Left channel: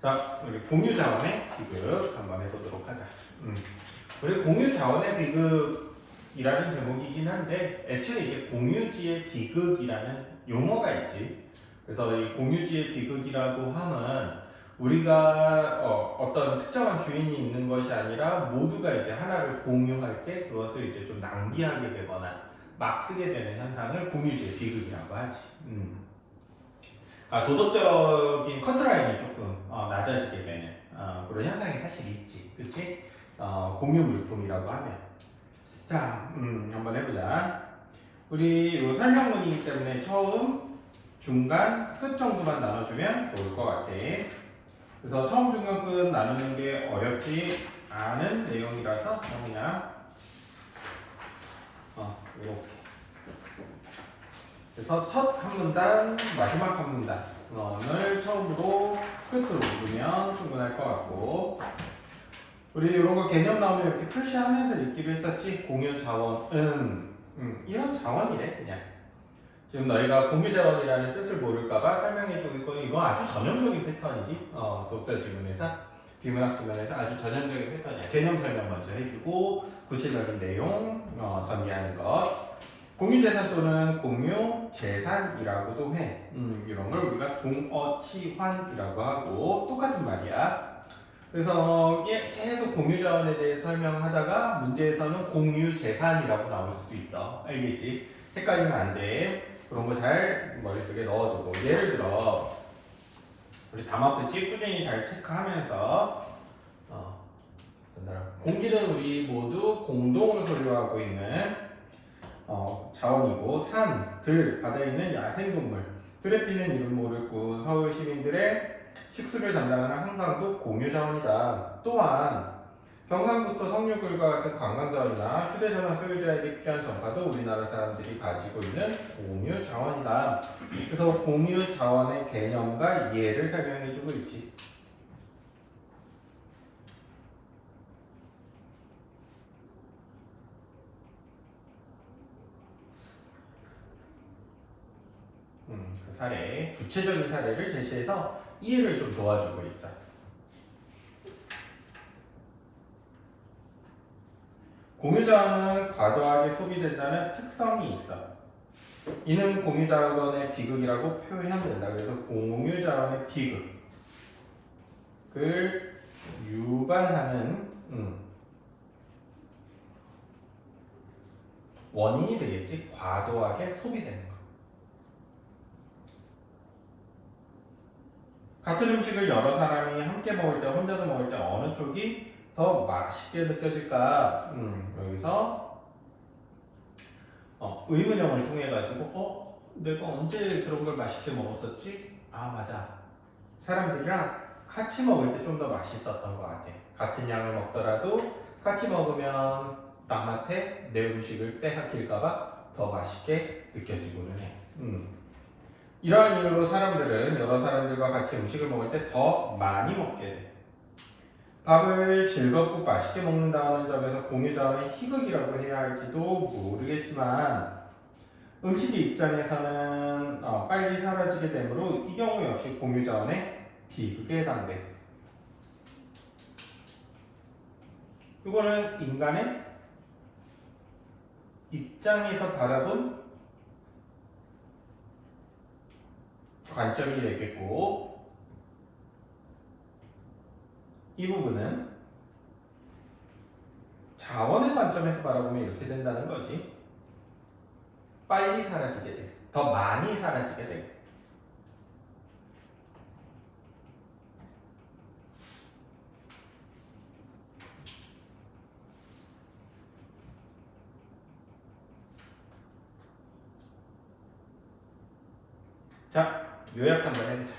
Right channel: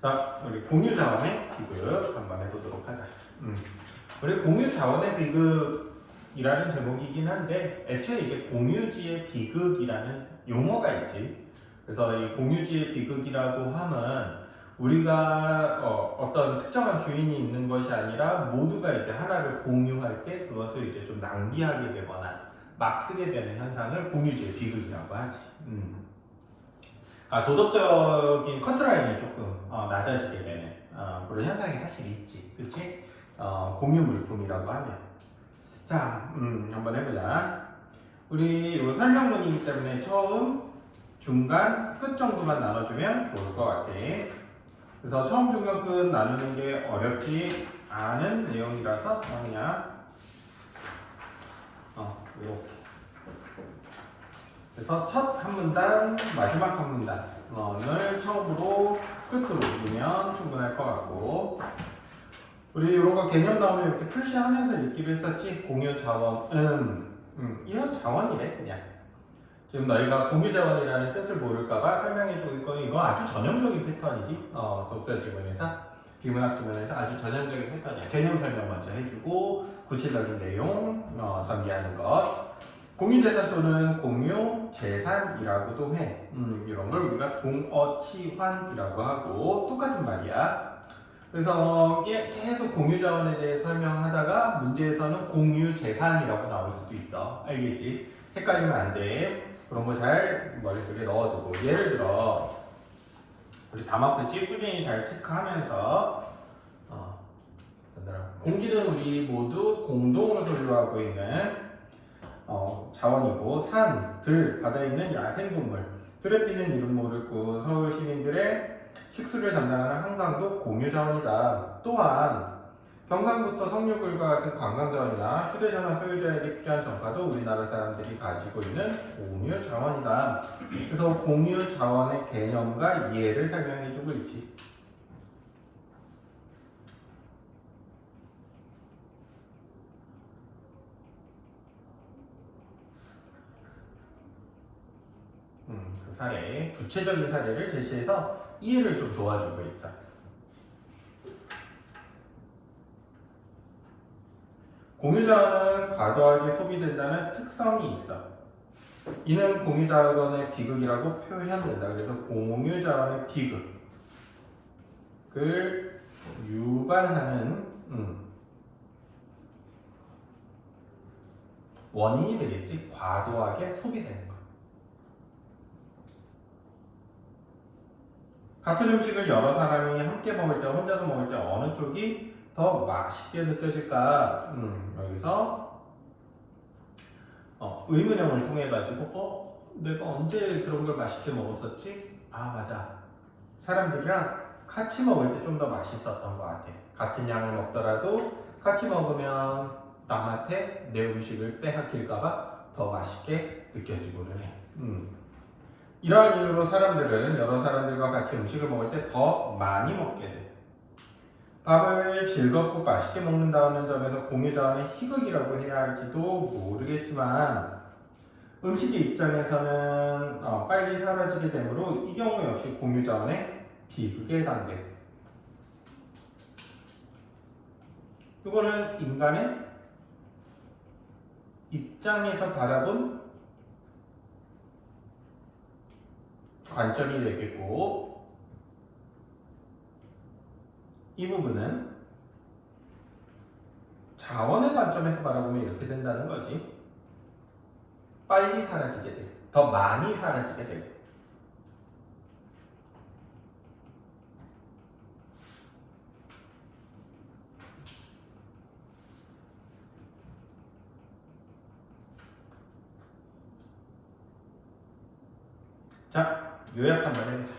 자, 우리 공유 자원의 비극 한번 해보도록 하자. 우리 공유 자원의 비극이라는 제목이긴 한데, 애초에 이제 공유지의 비극이라는 용어가 있지. 그래서 이 공유지의 비극이라고 하면 우리가 어떤 특정한 주인이 있는 것이 아니라 모두가 이제 하나를 공유할 때 그것을 이제 좀 낭비하게 되거나 막 쓰게 되는 현상을 공유지의 비극이라고 하지. 도덕적인 커트라인이 조금 낮아지게 되는 그런 현상이 사실 있지, 그렇지? 공유 물품이라고 하면 자, 한번 해보자. 우리 이 설명문이기 때문에 처음, 중간, 끝 정도만 나눠주면 좋을 것 같아. 그래서 처음, 중간, 끝 나누는 게 어렵지 않은 내용이라서 그냥 이렇게. 그래서 첫 한 문단, 마지막 한 문단을 처음으로 끝으로 읽으면 충분할 것 같고, 우리 이런 거 개념 나오면 이렇게 표시하면서 읽기로 했었지. 공유 자원은 이런 자원이래 그냥. 지금 너희가 공유 자원이라는 뜻을 모를까봐 설명해주고 있고, 이거 아주 전형적인 패턴이지. 독서 지문에서, 비문학 지문에서 아주 전형적인 패턴이야. 개념 설명 먼저 해주고 구체적인 내용 전개하는 것. 공유재산 또는 공유재산이라고도 해. 이런 걸 우리가 동어치환이라고 하고 똑같은 말이야. 그래서 계속 공유자원에 대해 설명하다가 문제에서는 공유재산이라고 나올 수도 있어. 알겠지? 헷갈리면 안 돼. 그런 거 잘 머릿속에 넣어두고. 예를 들어 우리 담화끝이 꾸준히 잘 체크하면서 공기는 우리 모두 공동으로 소유하고 있는 자원이고, 산, 들, 바다에 있는 야생동물, 들에 피는 이름 모를 뿐 서울 시민들의 식수를 담당하는 한강도 공유자원이다. 또한 경상부터 석류굴과 같은 관광자원이나 휴대전화 소유자에게 필요한 전파도 우리나라 사람들이 가지고 있는 공유자원이다. 그래서 공유자원의 개념과 이해를 설명해주고 있지. 그 사례, 구체적인 사례를 제시해서 이해를 좀 도와주고 있어. 공유자원은 과도하게 소비된다는 특성이 있어. 이는 공유자원의 비극이라고 표현하면 된다. 그래서 공유자원의 비극을 유발하는 원인이 되겠지. 과도하게 소비되는 거. 같은 음식을 여러 사람이 함께 먹을 때, 혼자서 먹을 때 어느 쪽이 더 맛있게 느껴질까? 여기서 의문형을 통해 가지고 내가 언제 그런 걸 맛있게 먹었었지? 아, 맞아. 사람들이랑 같이 먹을 때 좀 더 맛있었던 것 같아. 같은 양을 먹더라도 같이 먹으면 남한테 내 음식을 빼앗길까봐 더 맛있게 느껴지고는 해. 이러한 이유로 사람들은 여러 사람들과 같이 음식을 먹을 때 더 많이 먹게 돼. 밥을 즐겁고 맛있게 먹는다는 점에서 공유자원의 희극이라고 해야 할지도 모르겠지만, 음식의 입장에서는 빨리 사라지게 되므로 이 경우 역시 공유자원의 비극에 해당돼. 이거는 인간의 입장에서 바라본 관점이 되겠고, 이 부분은 자원의 관점에서 바라보면 이렇게 된다는 거지. 빨리 사라지게 돼. 더 많이 사라지게 돼. 자, 요약 한번 해보자.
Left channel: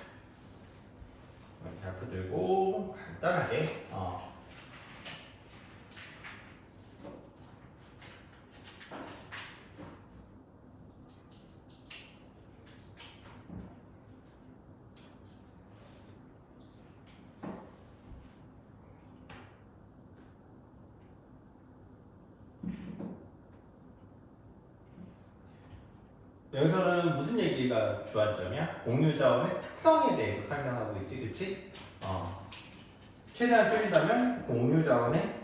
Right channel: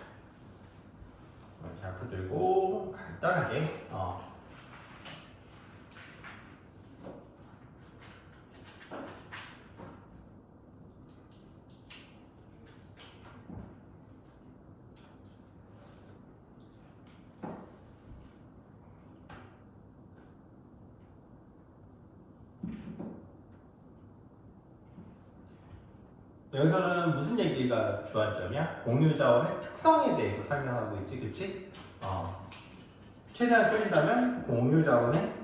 자꾸 들고 간단하게 여기서는 무슨 얘기가 주안점이야? 공유자원의 특성에 대해서 설명하고 있지, 그치? 최대한 줄이자면 공유자원의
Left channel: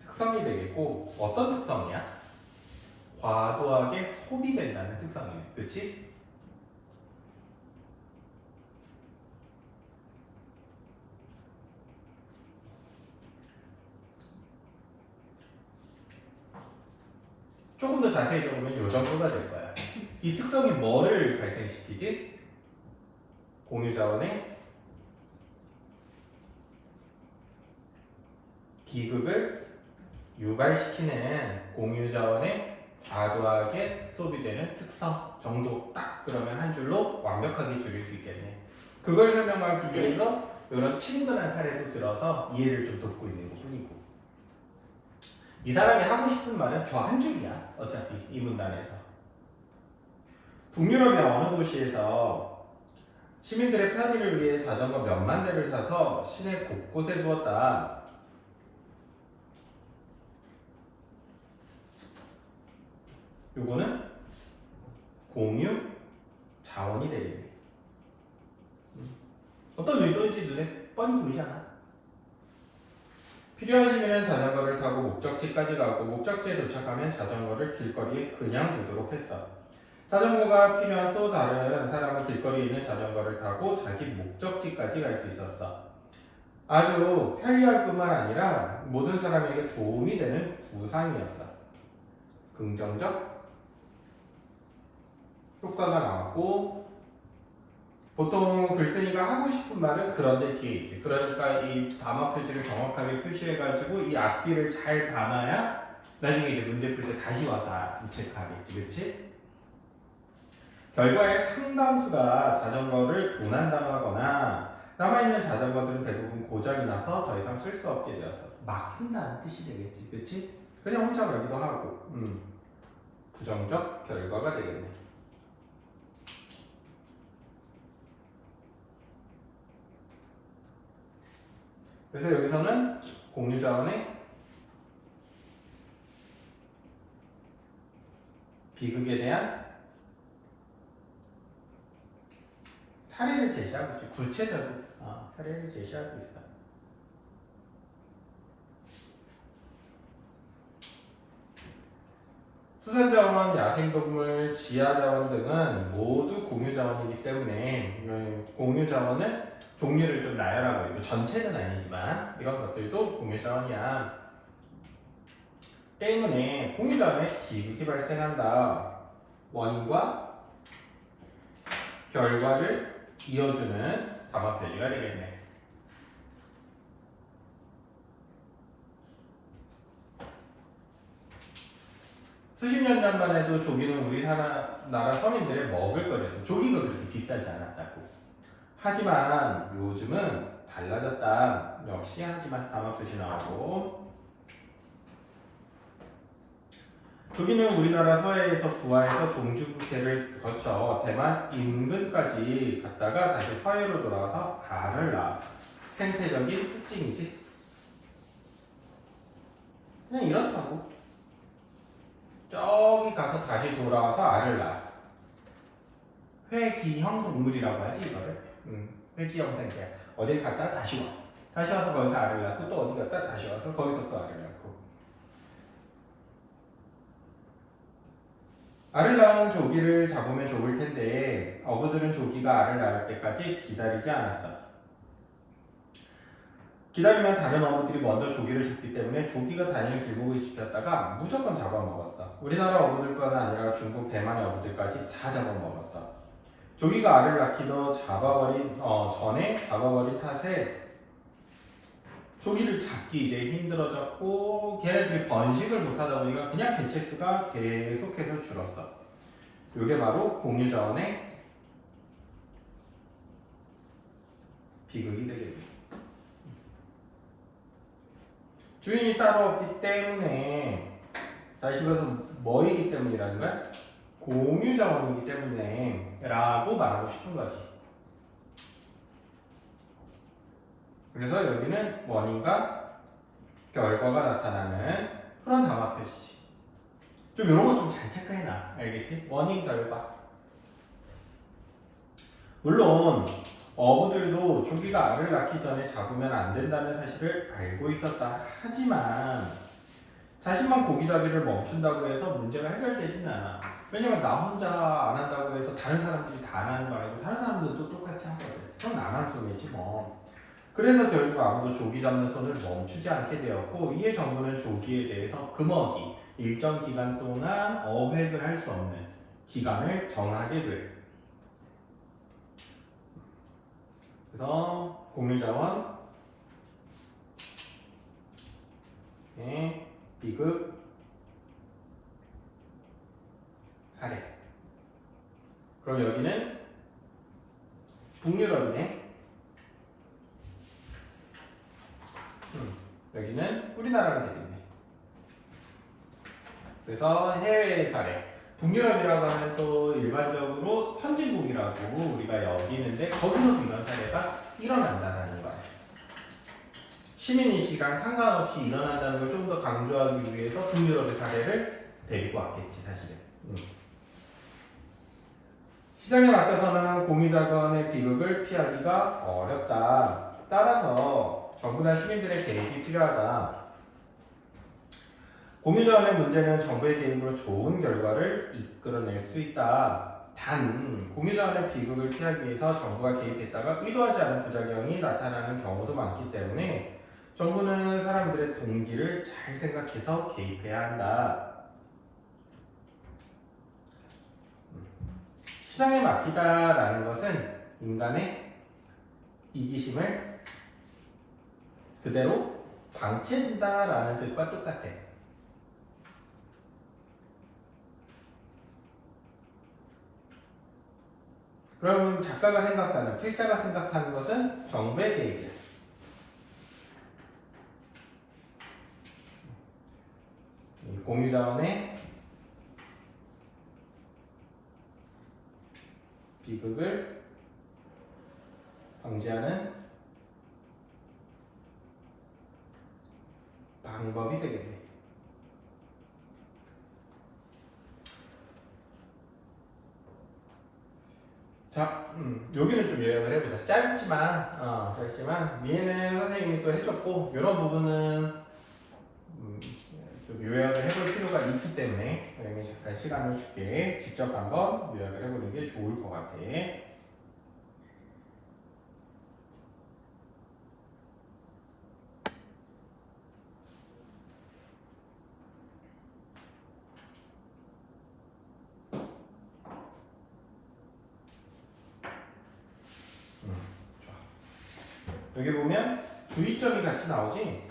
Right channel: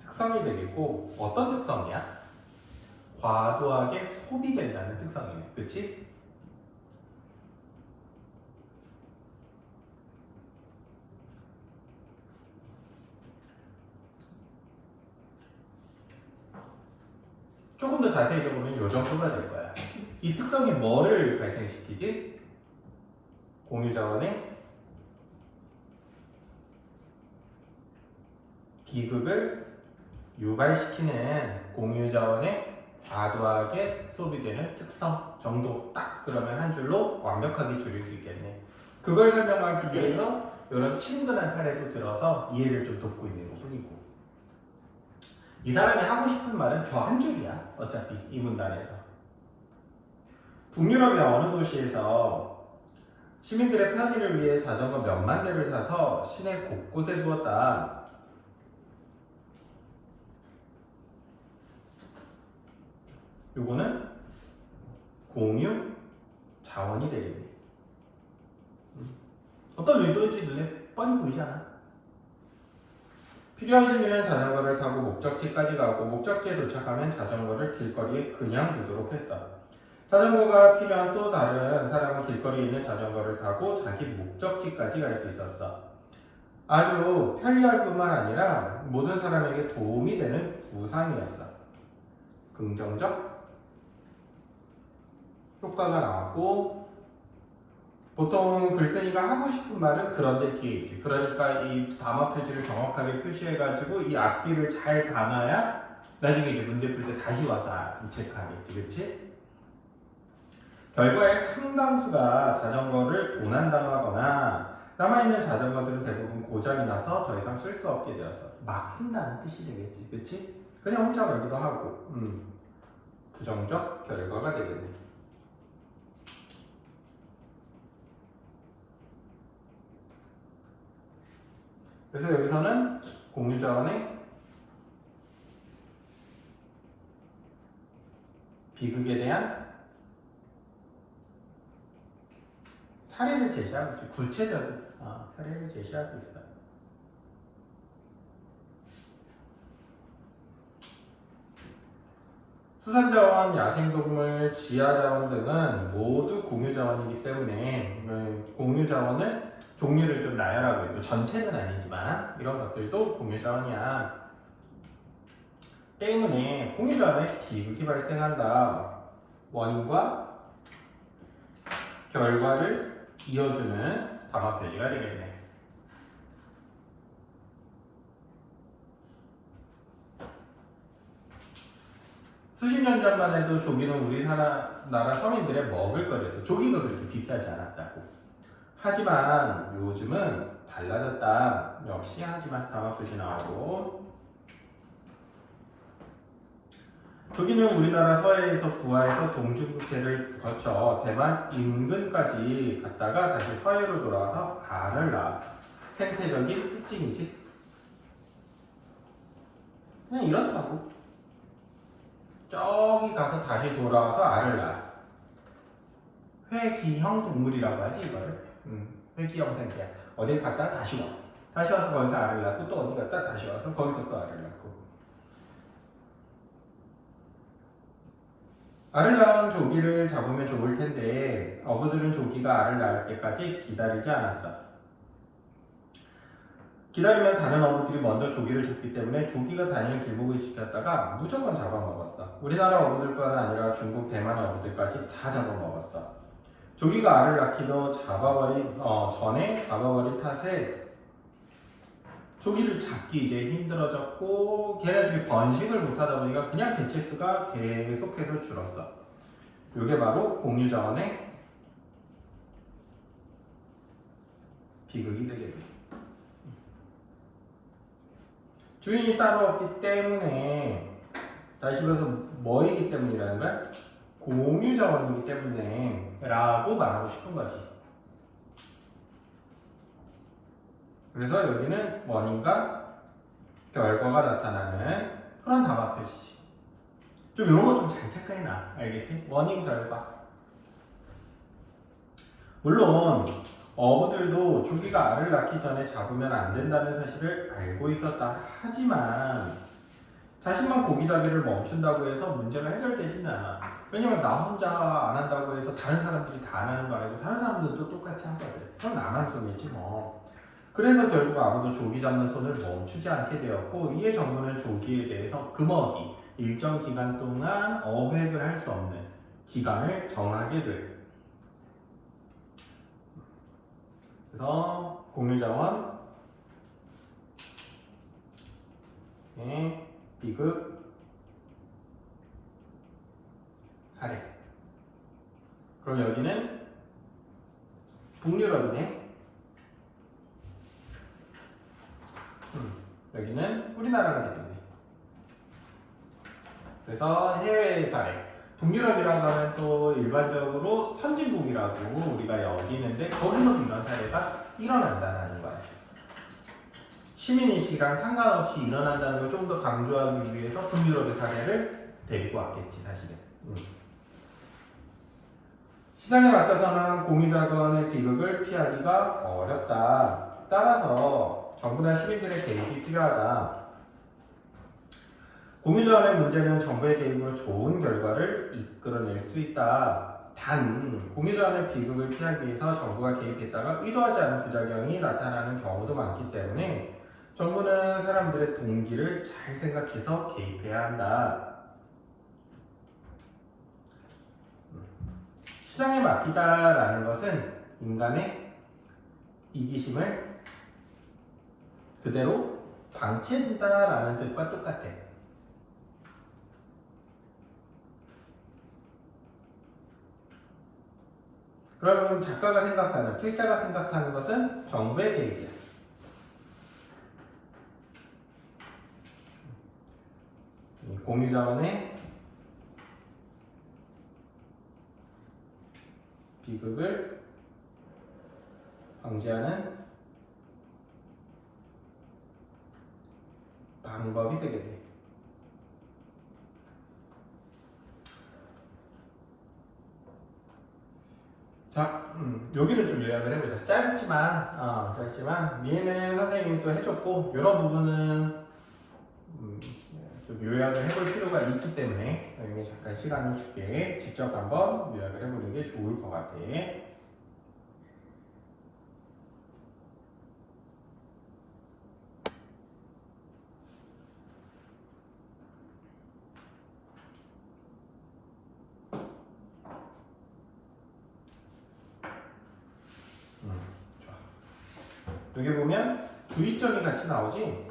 특성이 되겠고, 어떤 특성이야? 과도하게 소비된다는 특성이네, 그치? 조금 더 자세히 보면 요 정도가 될 거야. 이 특성이 뭐를 발생시키지? 공유자원의 비극을 유발시키는 공유자원의 과도하게 소비되는 특성 정도 딱 그러면 한 줄로 완벽하게 줄일 수 있겠네. 그걸 설명하기 위해서 이런 친근한 사례도 들어서 이해를 좀 돕고 있는 것 뿐이고, 이 사람이 하고 싶은 말은 저 한 줄이야. 어차피 이 문단에서 북유럽의 어느 도시에서 시민들의 편의를 위해 자전거 몇만 대를 사서 시내 곳곳에 두었다. 요거는 공유 자원이 되겠네. 어떤 의도인지 눈에 뻔히 보이잖아. 필요한 시민은 자전거를 타고 목적지까지 가고 목적지에 도착하면 자전거를 길거리에 그냥 두도록 했어. 자전거가 필요한 또 다른 사람은 길거리에 있는 자전거를 타고 자기 목적지까지 갈 수 있었어. 아주 편리할 뿐만 아니라 모든 사람에게 도움이 되는 구상이었어. 긍정적 효과가 나왔고, 보통 글쓴이가 하고 싶은 말은 그런데 뒤에 있지. 그러니까 이 담화 표지를 정확하게 표시해가지고 이 앞뒤를 잘 담아야 나중에 이제 문제 풀 때 다시 와서 체크하겠지, 그렇지? 결과에 상당수가 자전거를 도난당하거나 남아있는 자전거들은 대부분 고장이 나서 더 이상 쓸 수 없게 되었어. 막 쓴다는 뜻이 되겠지, 그렇지? 그냥 훔쳐가기도 하고, 부정적 결과가 되겠네. 그래서 여기서는 공유자원의 비극에 대한 사례를 제시하고 있죠. 구체적인 사례를 제시하고 있어요. 수산자원, 야생동물, 지하자원 등은 모두 공유자원이기 때문에 공유자원을 종류를 좀 나열하고 있고, 전체는 아니지만 이런 것들도 공유자원이야. 때문에 공유자원의 비극이 발생한다. 원인과 결과를 이어주는 담화 표시가 되겠네. 수십 년 전만 해도 조기는 우리나라 서민들의 먹을거리에서 조기가 그렇게 비싸지 않았다고. 하지만 요즘은 달라졌다. 역시 하지만 담화 표시 나오고, 조기는 우리나라 서해에서 부하해서 동중국해를 거쳐 대만 인근까지 갔다가 다시 서해로 돌아와서 알을 낳아. 생태적인 특징이지. 그냥 이렇다고. 저기 가서 다시 돌아와서 알을 낳아. 회귀형 동물이라고 하지 이거를. 회귀형 생태. 어딜 갔다 다시 와. 다시 와서 거기서 알을 낳고 또 어디 갔다 다시 와서 거기서 또 알을 낳고. 알을 낳은 조기를 잡으면 좋을 텐데 어부들은 조기가 알을 낳을 때까지 기다리지 않았어. 기다리면 다른 어부들이 먼저 조기를 잡기 때문에 조기가 다니는 길목을 지켰다가 무조건 잡아먹었어. 우리나라 어부들뿐 아니라 중국, 대만의 어부들까지 다 잡아먹었어. 조기가 알을 낳기도 전에 잡아버린 탓에 조기를 잡기 이제 힘들어졌고, 걔네들이 번식을 못하다 보니까 그냥 개체수가 계속해서 줄었어. 이게 바로 공유자원의 비극이 되겠네. 주인이 따로 없기 때문에, 다시 말해서 뭐이기 때문이라는 거야? 공유자원이기 때문에 라고 말하고 싶은 거지. 그래서 여기는 원인과 결과가 나타나는 그런 담화 표시지. 좀 이런 거 좀 잘 체크해놔. 알겠지? 원인 결과. 물론 어부들도 조기가 알을 낳기 전에 잡으면 안 된다는 사실을 알고 있었다. 하지만 자신만 고기잡이를 멈춘다고 해서 문제가 해결되지는 않아. 왜냐면 나 혼자 안 한다고 해서 다른 사람들이 다 안 하는 거 아니고 다른 사람들도 똑같이 하거든. 그럼 나만 손해지 뭐. 그래서 결국 아무도 조기 잡는 손을 멈추지 않게 되었고, 이에 정부는 조기에 대해서 금어기, 일정 기간 동안 어획을 할 수 없는 기간을 정하게 돼. 그래서 공유자원, 비급, 사례. 그럼 여기는 북유럽이네. 여기는 우리나라가 되겠네. 그래서 해외 사례. 북유럽이라고 하면 또 일반적으로 선진국이라고 우리가 여기는데 거기서도 이런 사례가 일어난다는 거야. 시민인식이랑 상관없이 일어난다는 걸 좀 더 강조하기 위해서 북유럽의 사례를 데리고 왔겠지 사실은. 시장에 맡겨서는 공유자원의 비극을 피하기가 어렵다. 따라서 정부나 시민들의 개입이 필요하다. 공유자원의 문제는 정부의 개입으로 좋은 결과를 이끌어낼 수 있다. 단, 공유자원의 비극을 피하기 위해서 정부가 개입했다가 의도하지 않은 부작용이 나타나는 경우도 많기 때문에 정부는 사람들의 동기를 잘 생각해서 개입해야 한다. 시장에 맡기다라는 것은 인간의 이기심을 그대로 방치해둔다라는 뜻과 똑같아. 그러면 작가가 생각하는, 필자가 생각하는 것은 정부의 개입이야. 공유자원의 비극을 방지하는 방법이 되겠네. 자, 여기는 좀 요약을 해보자. 짧지만 미에는 선생님이 또 해줬고 이런 부분은 좀 요약을 해볼 필요가 있기 때문에 여기 잠깐 시간을 줄게. 직접 한번 요약을 해보는 게 좋을 것 같아. 여기 보면 주의점이 같이 나오지?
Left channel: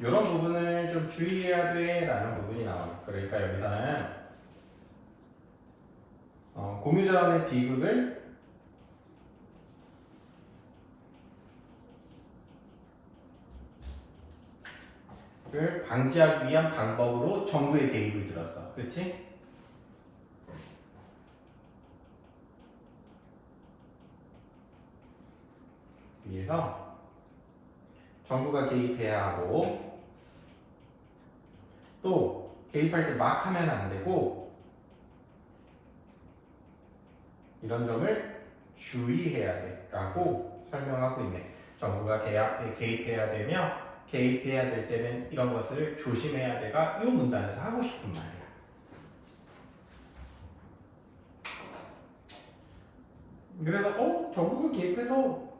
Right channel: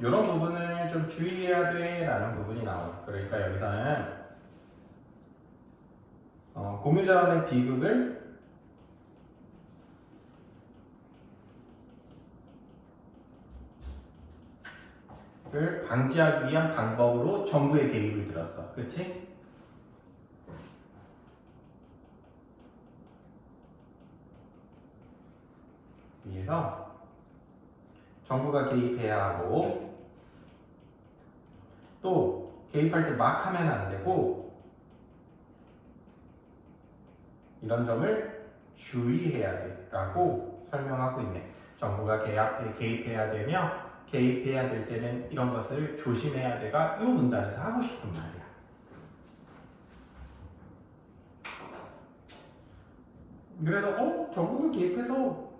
이런 부분을 좀 주의해야 돼 라는 부분이 나와요. 그러니까 여기서는 공유자원의 비극을 방지하기 위한 방법으로 정부의 개입을 들었어. 그치? 위해서 정부가 개입해야 하고 또 개입할 때 막 하면 안 되고 이런 점을 주의해야 돼 라고 설명하고 있네. 정부가 개입해야 되며 개입해야 될 때는 이런 것을 조심해야 돼가 이 문단에서 하고 싶은 말이야. 그래서 정부가 개입해서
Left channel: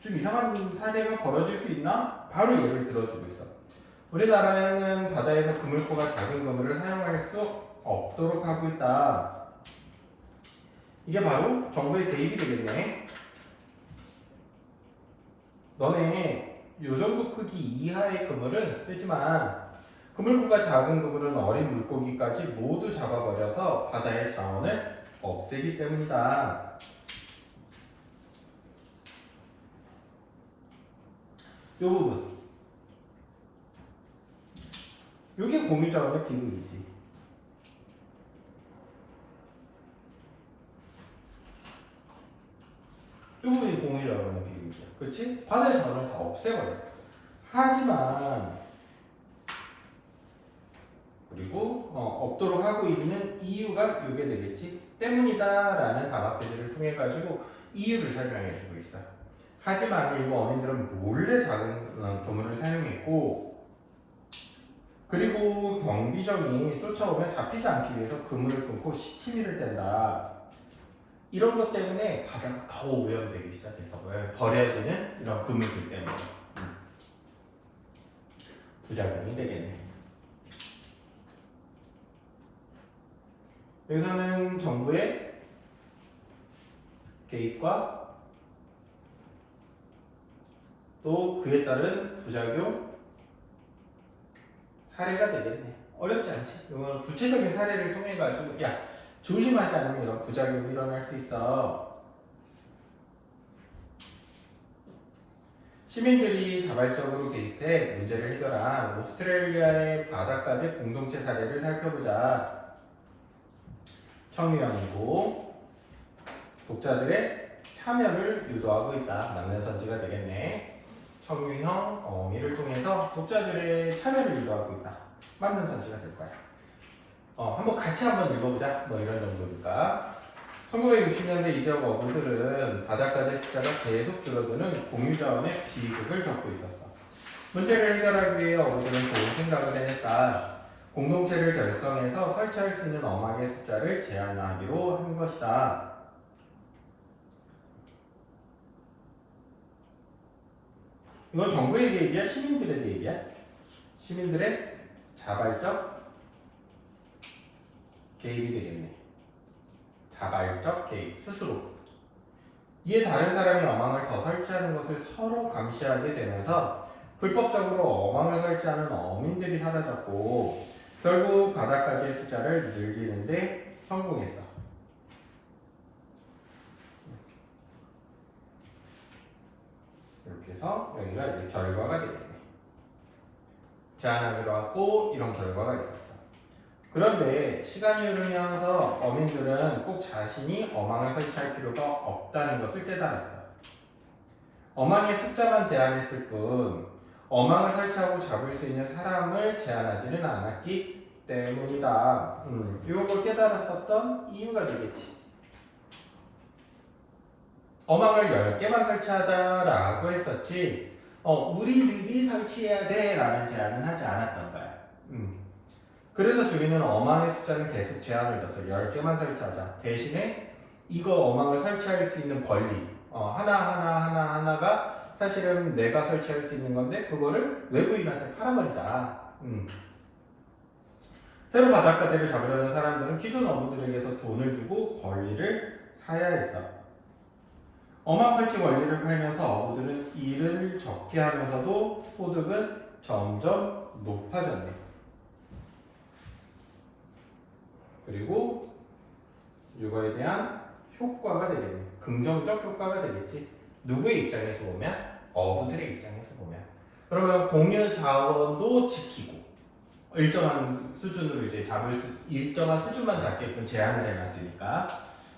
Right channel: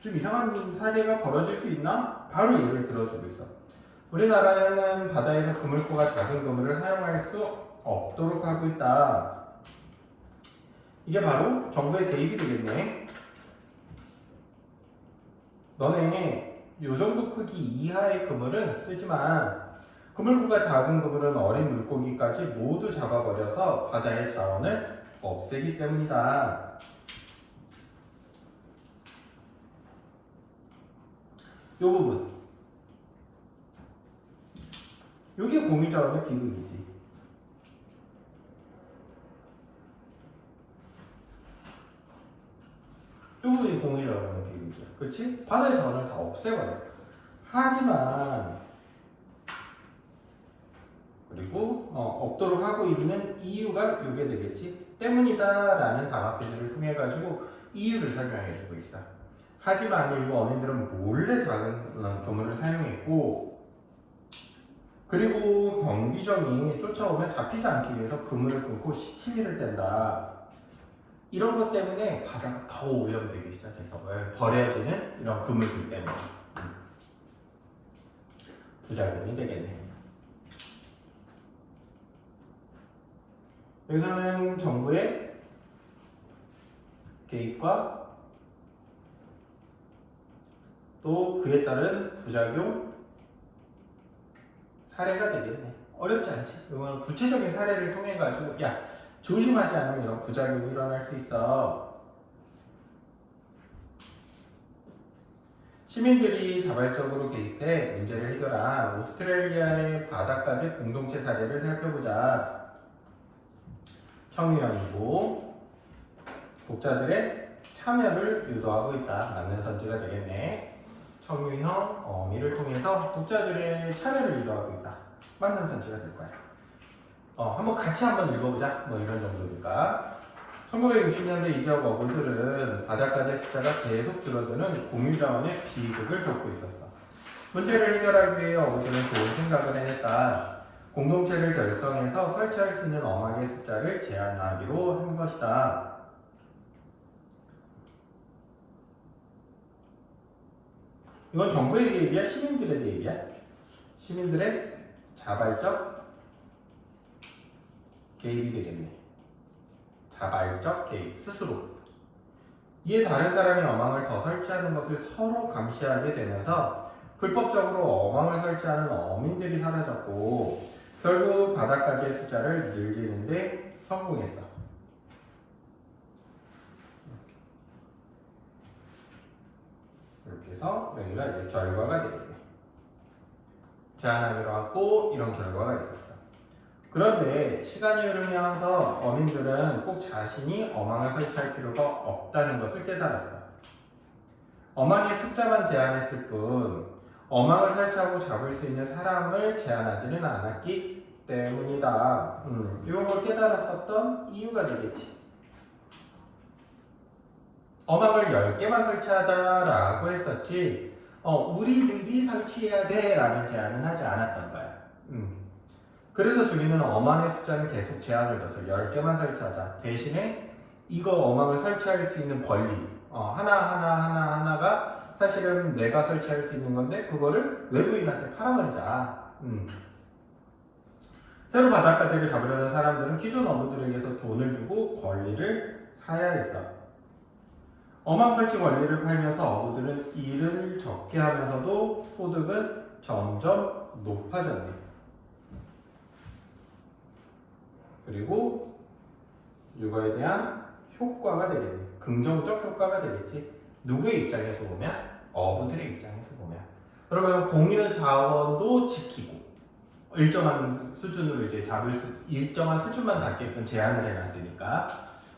좀 이상한 사례가 벌어질 수 있나? 바로 예를 들어주고 있어. 우리나라에는 바다에서 그물코가 작은 그물을 사용할 수 없도록 하고 있다. 이게 바로 정부의 개입이 되겠네. 너네 요 정도 크기 이하의 그물은 쓰지만 그물코가 작은 그물은 어린 물고기까지 모두 잡아버려서 바다의 자원을 없애기 때문이다. 요 부분 요게 공유자원의 비극이지. 요 부분이 공유자원의 비극이야. 그렇지? 바다의 자원을 다 없애버려. 하지만 없도록 하고 있는 이유가 이게 되겠지. 때문이다라는 단어표들을 통해 가지고 이유를 설명해 주고 있어. 하지만 일부 어민들은 몰래 작은 그물을 사용했고, 그리고 경비정이 쫓아오면 잡히지 않기 위해서 그물을 끊고 시치미를 뗀다. 이런 것 때문에 바다가 더 오염되기 시작해서 버려지는 이런 그물들 때문에 부작용이 되겠네. 여기서는 정부의 개입과 또 그에 따른 부작용 사례가 되겠네. 어렵지 않지? 이거는 구체적인 사례를 통해 가지고 야 조심하지 않으면 이런 부작용이 일어날 수 있어. 시민들이 자발적으로 개입해 문제를 해결한 오스트레일리아의 바다까지 공동체 사례를 살펴보자. 청유형이고 독자들의 참여를 유도하고 있다. 맞는 선지가 되겠네. 청유형 어미를 통해서 독자들의 참여를 유도하고 있다. 맞는 선지가 될 거야. 한번 같이 한번 읽어보자. 뭐 이런 정도니까. 1960년대 이 지역 어부들은 바다가재 숫자가 계속 줄어드는 공유자원의 비극을 겪고 있었어. 문제를 해결하기 위해 어부들은 좋은 생각을 해냈다. 공동체를 결성해서 설치할 수 있는 어망의 숫자를 제한하기로 한 것이다. 이건 정부의 개입이야? 시민들의 개입이야? 시민들의 자발적 개입이 되겠네. 자발적 개입, 스스로. 이에 다른 사람이 어망을 더 설치하는 것을 서로 감시하게 되면서 불법적으로 어망을 설치하는 어민들이 사라졌고 결국 바다까지의 숫자를 늘리는데 성공했어. 이렇게 해서 여기가 이제 결과가 되겠네. 제안을 하고 이런 결과가 있었어. 그런데 시간이 흐르면서 어민들은 꼭 자신이 어망을 설치할 필요가 없다는 것을 깨달았어. 어망의 숫자만 제한했을 뿐 어망을 설치하고 잡을 수 있는 사람을 제한하지는 않았기 때문이다. 이걸 깨달았었던 이유가 되겠지. 어망을 10개만 설치하다라고 했었지 우리들이 설치해야 돼 라는 제안은 하지 않았던 거야. 그래서 주민은 어망의 숫자는 계속 제한을 뒀어. 10개만 설치하자. 대신에 이거 어망을 설치할 수 있는 권리 하나가 사실은 내가 설치할 수 있는 건데 그거를 외부인한테 팔아버리자. 새로 바닷가재를 잡으려는 사람들은 기존 어부들에게서 돈을 주고 권리를 사야 했어. 어망 설치 권리를 팔면서 어부들은 일을 적게 하면서도 소득은 점점 높아졌네. 그리고 이거에 대한 효과가 되겠네. 긍정적 효과가 되겠지. 누구의 입장에서 보면? 어부들의 입장에서 보면. 그러면 공유 자원도 지키고 일정한 수준으로 이제 일정한 수준만 잡게끔 제한을 해놨으니까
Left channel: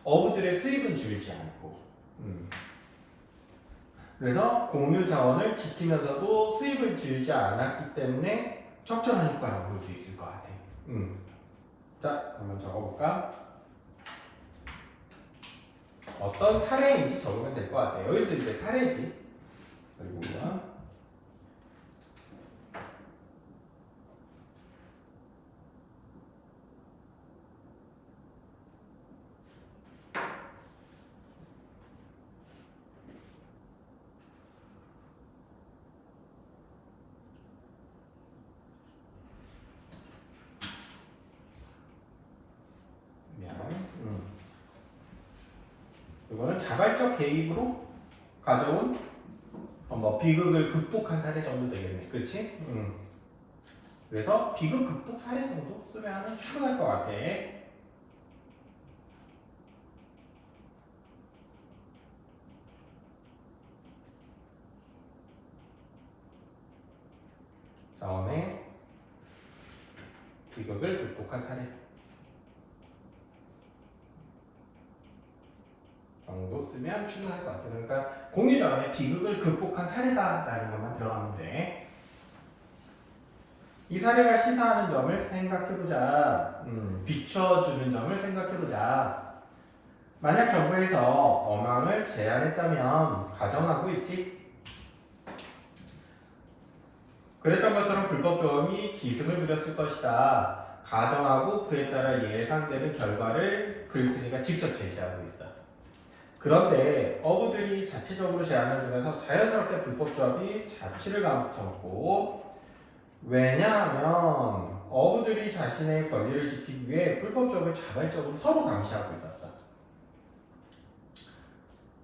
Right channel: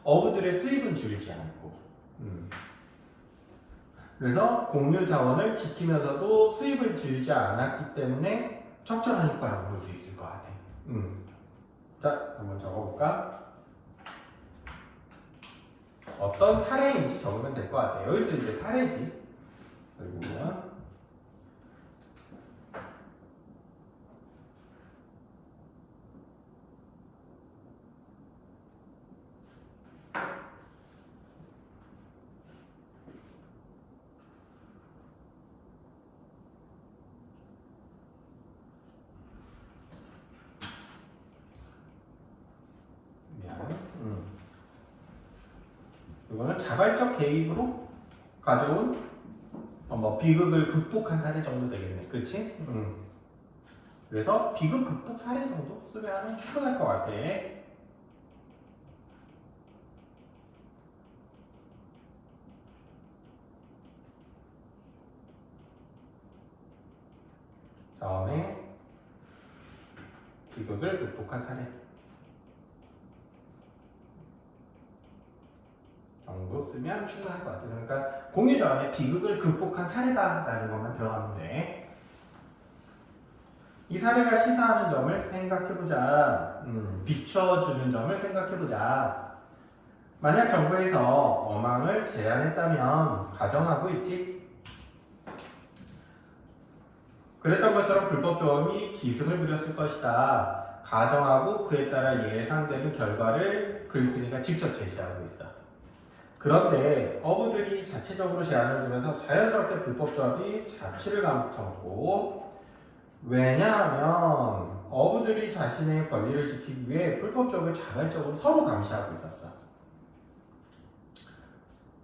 어부들의 수입은 줄지 않고. 그래서 공유 자원을 지키면서도 수입을 줄지 않았기 때문에 적절한 효과라고 볼 수 있을 것 같아. 자, 한번 적어볼까? 어떤 사례인지 적으면 될 것 같아요. 여기도 이제 사례지. 그리고 이거는 자발적 개입으로 가져온 비극을 극복한 사례 정도 되겠네. 그렇지? 그래서 비극 극복 사례 정도 쓰면 충분할 것 같아. 다음에 비극을 극복한 사례 정도 쓰면 충분할 것 같아요. 그러니까 공유자원의 비극을 극복한 사례다라는 것만 들어가면 돼. 이 사례가 시사하는 점을 생각해보자. 비춰주는 점을 생각해보자. 만약 정부에서 어망을 제한했다면 가정하고 있지. 그랬던 것처럼 불법 조업이 기승을 부렸을 것이다. 가정하고 그에 따라 예상되는 결과를 글쓴이가 직접 제시하고 있어. 그런데 어부들이 자체적으로 제한을 두면서 자연스럽게 불법 조합이 자취를 감췄고, 왜냐하면 어부들이 자신의 권리를 지키기 위해 불법 조업을 자발적으로 서로 감시하고 있었어.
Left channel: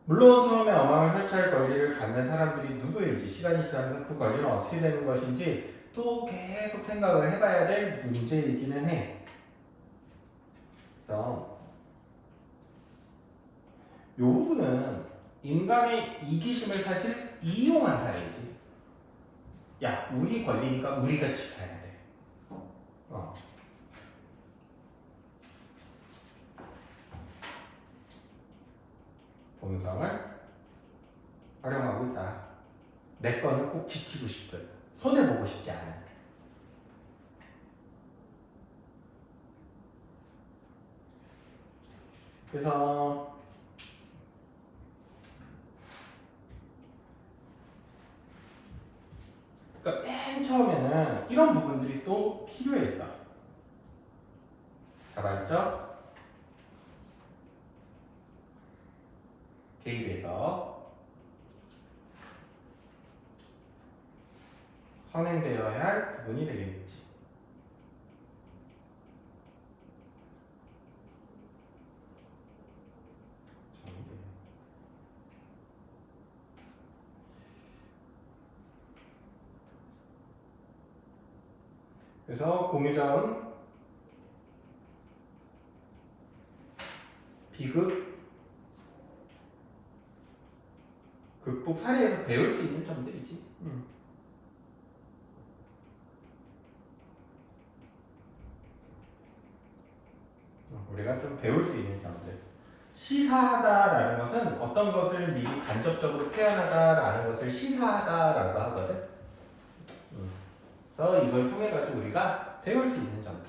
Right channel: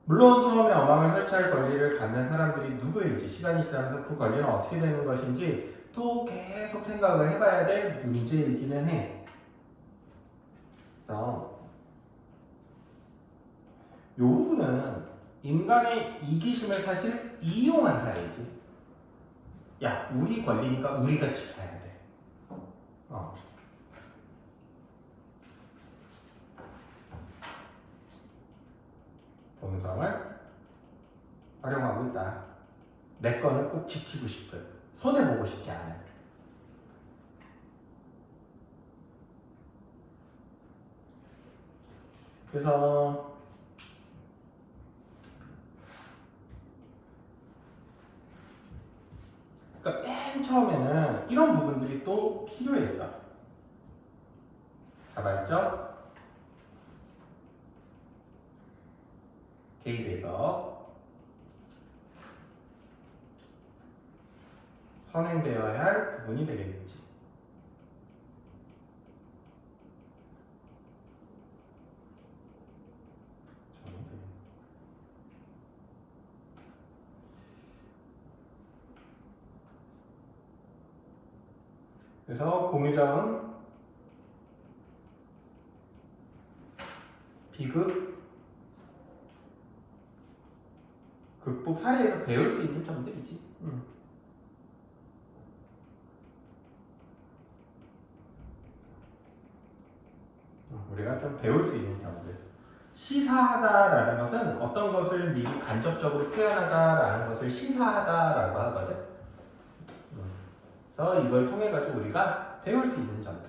물론 처음에 어망을 설치할 권리를 갖는 사람들이 누구인지, 시간이 지나면서 그 권리는 어떻게 되는 것인지 또 계속 생각을 해봐야 될 문제이기는 해. 그래서 요 부분은 인간의 이기심을 사실 이용한 사이지. 야, 우리 권리니까 우리가 지켜야 돼. 본성을 활용하고 있다. 내 거는 꼭 지키고 싶은, 손해보고 싶지 않은. 그래서 그러니까 맨 처음에는 이런 부분들이 또 필요했어. 자발적 개입에서 선행되어야 할 부분이 되겠지. 그래서 공유자원 비극 극복 사례에서 배울 수 있는 점들이지. 우리가 좀 배울 수 있는 점들. 시사하다라는 것은 어떤 것을 미리 간접적으로 표현하다라는 것을 시사하다라고 하거든. 그래서 이걸 통해 가지고 우리가 배울 수 있는 점들,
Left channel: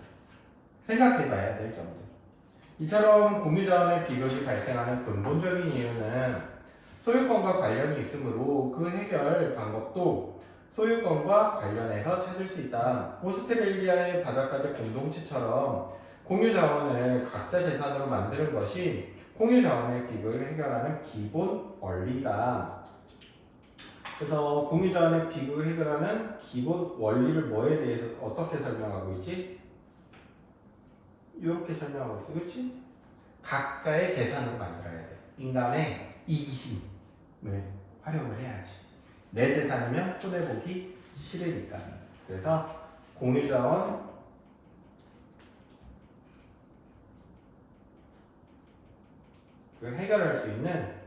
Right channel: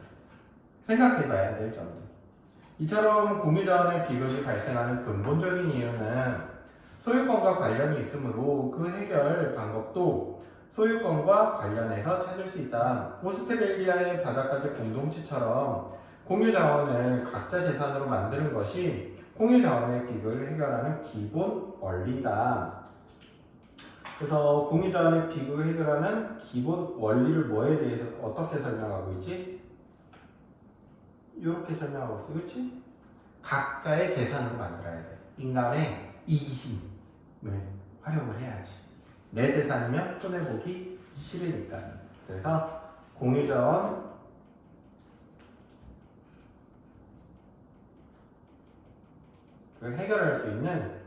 생각해봐야 될 점들. 이처럼 공유자원의 비극이 발생하는 근본적인 이유는 소유권과 관련이 있으므로 그 해결 방법도 소유권과 관련해서 찾을 수 있다. 오스트레일리아의 바다까지 공동체처럼 공유자원을 각자 재산으로 만드는 것이 공유자원의 비극을 해결하는 기본 원리다. 그래서 공유자원의 비극을 해결하는 기본 원리를 뭐에 대해서 어떻게 설명하고 있지? 이렇게 설명하고 있어. 그렇지? 각자의 재산으로 만들어야 돼. 인간의 이기심을 활용을 해야지. 내 재산이면 손해보기 싫으니까. 그래서 공유자원 그걸 해결할 수 있는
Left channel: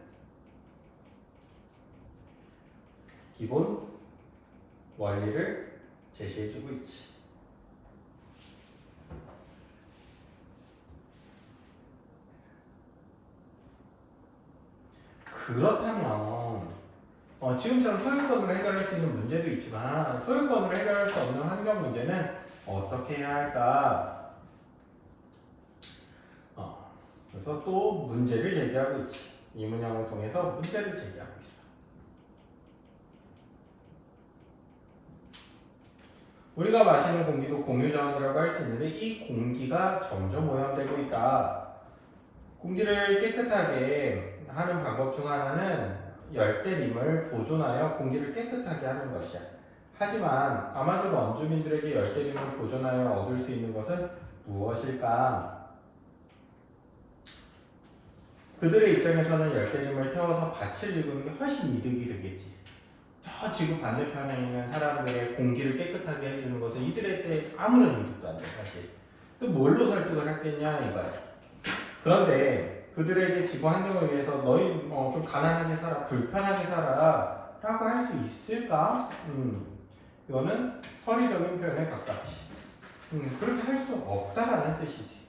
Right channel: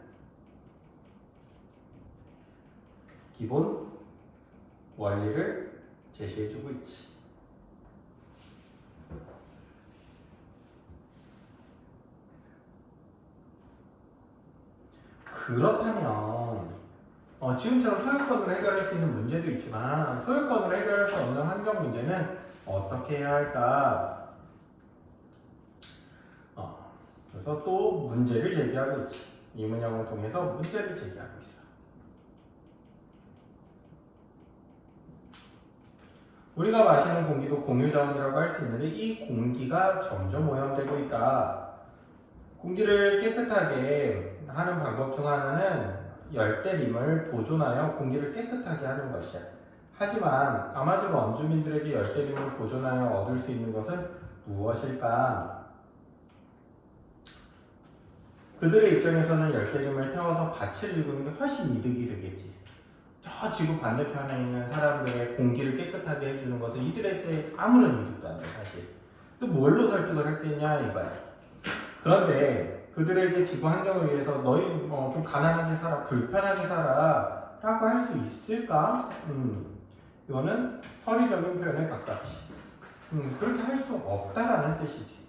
기본 원리를 제시해주고 있지. 그렇다면 지금처럼 소유권으로 해결할 수 있는 문제도 있지만 소유권으로 해결할 수 없는 환경 문제는 어떻게 해야 할까? 그래서 또 문제를 제기하고 있지. 이 문형을 통해서 문제를 제기하고 있어. 우리가 마시는 공기도 공유자원이라고 할 수 있는데 이 공기가 점점 오염되고 있다. 공기를 깨끗하게 하는 방법 중 하나는 열대림을 보존하여 공기를 깨끗하게 하는 것이야. 하지만 아마존 원주민들에게 열대림을 보존하여 얻을 수 있는 것은 무엇일까? 그들의 입장에서는 열대림을 태워서 밭을 일구는 게 훨씬 이득이 되겠지. 저 지구 반대편에 있는 사람들의 공기를 깨끗하게 해주는 것은 이들에게 아무런 이득도 안 돼, 사실. 또 뭘로 설득을 했겠냐 이거야. 그런데 그들에게 지구 환경을 위해서 너희 좀 가난하게 살아, 불편하게 살아 라고 할 수 있을까? 이거는 선의적인 표현에 가깝지. 그렇게 할 수 없다라는 뜻이지.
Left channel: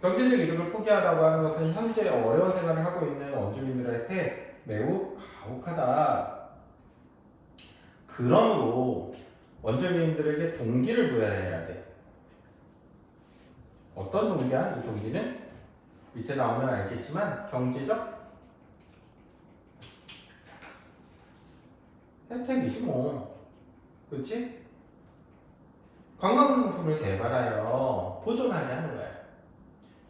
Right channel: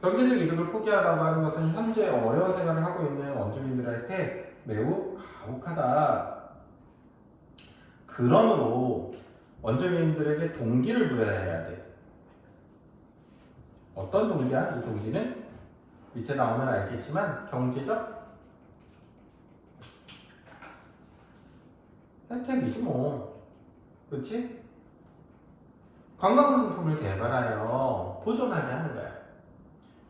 경제적 이득을 포기하라고 하는 것은 현재 어려운 생활을 하고 있는 원주민들한테 매우 가혹하다. 그러므로 원주민들에게 동기를 부여해야 돼. 어떤 동기야? 이 동기는 밑에 나오면 알겠지만 경제적 혜택이지 뭐. 그렇지? 관광상품을 개발하여 보존하게 하는 거야.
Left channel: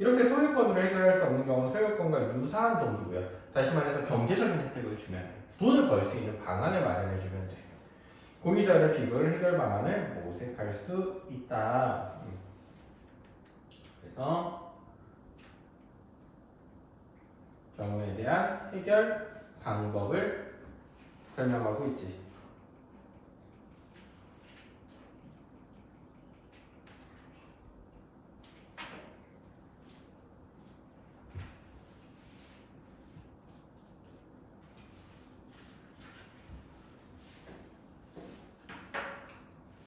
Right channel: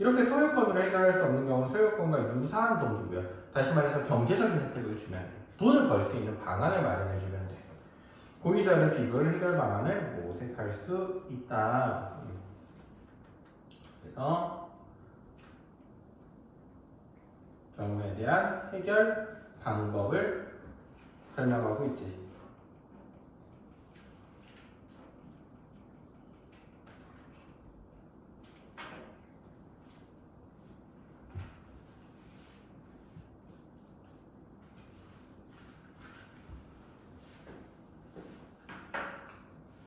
이렇게 소유권으로 해결할 수 없는 경우 소유권과 유사한 동기고요. 다시 말해서 경제적인 혜택을 주면 돼. 돈을 벌 수 있는 방안을 마련해 주면 돼. 공유자의 비교를 해결 방안을 모색할 수 있다. 그래서 경우에 대한 해결 방법을 설명하고 있지.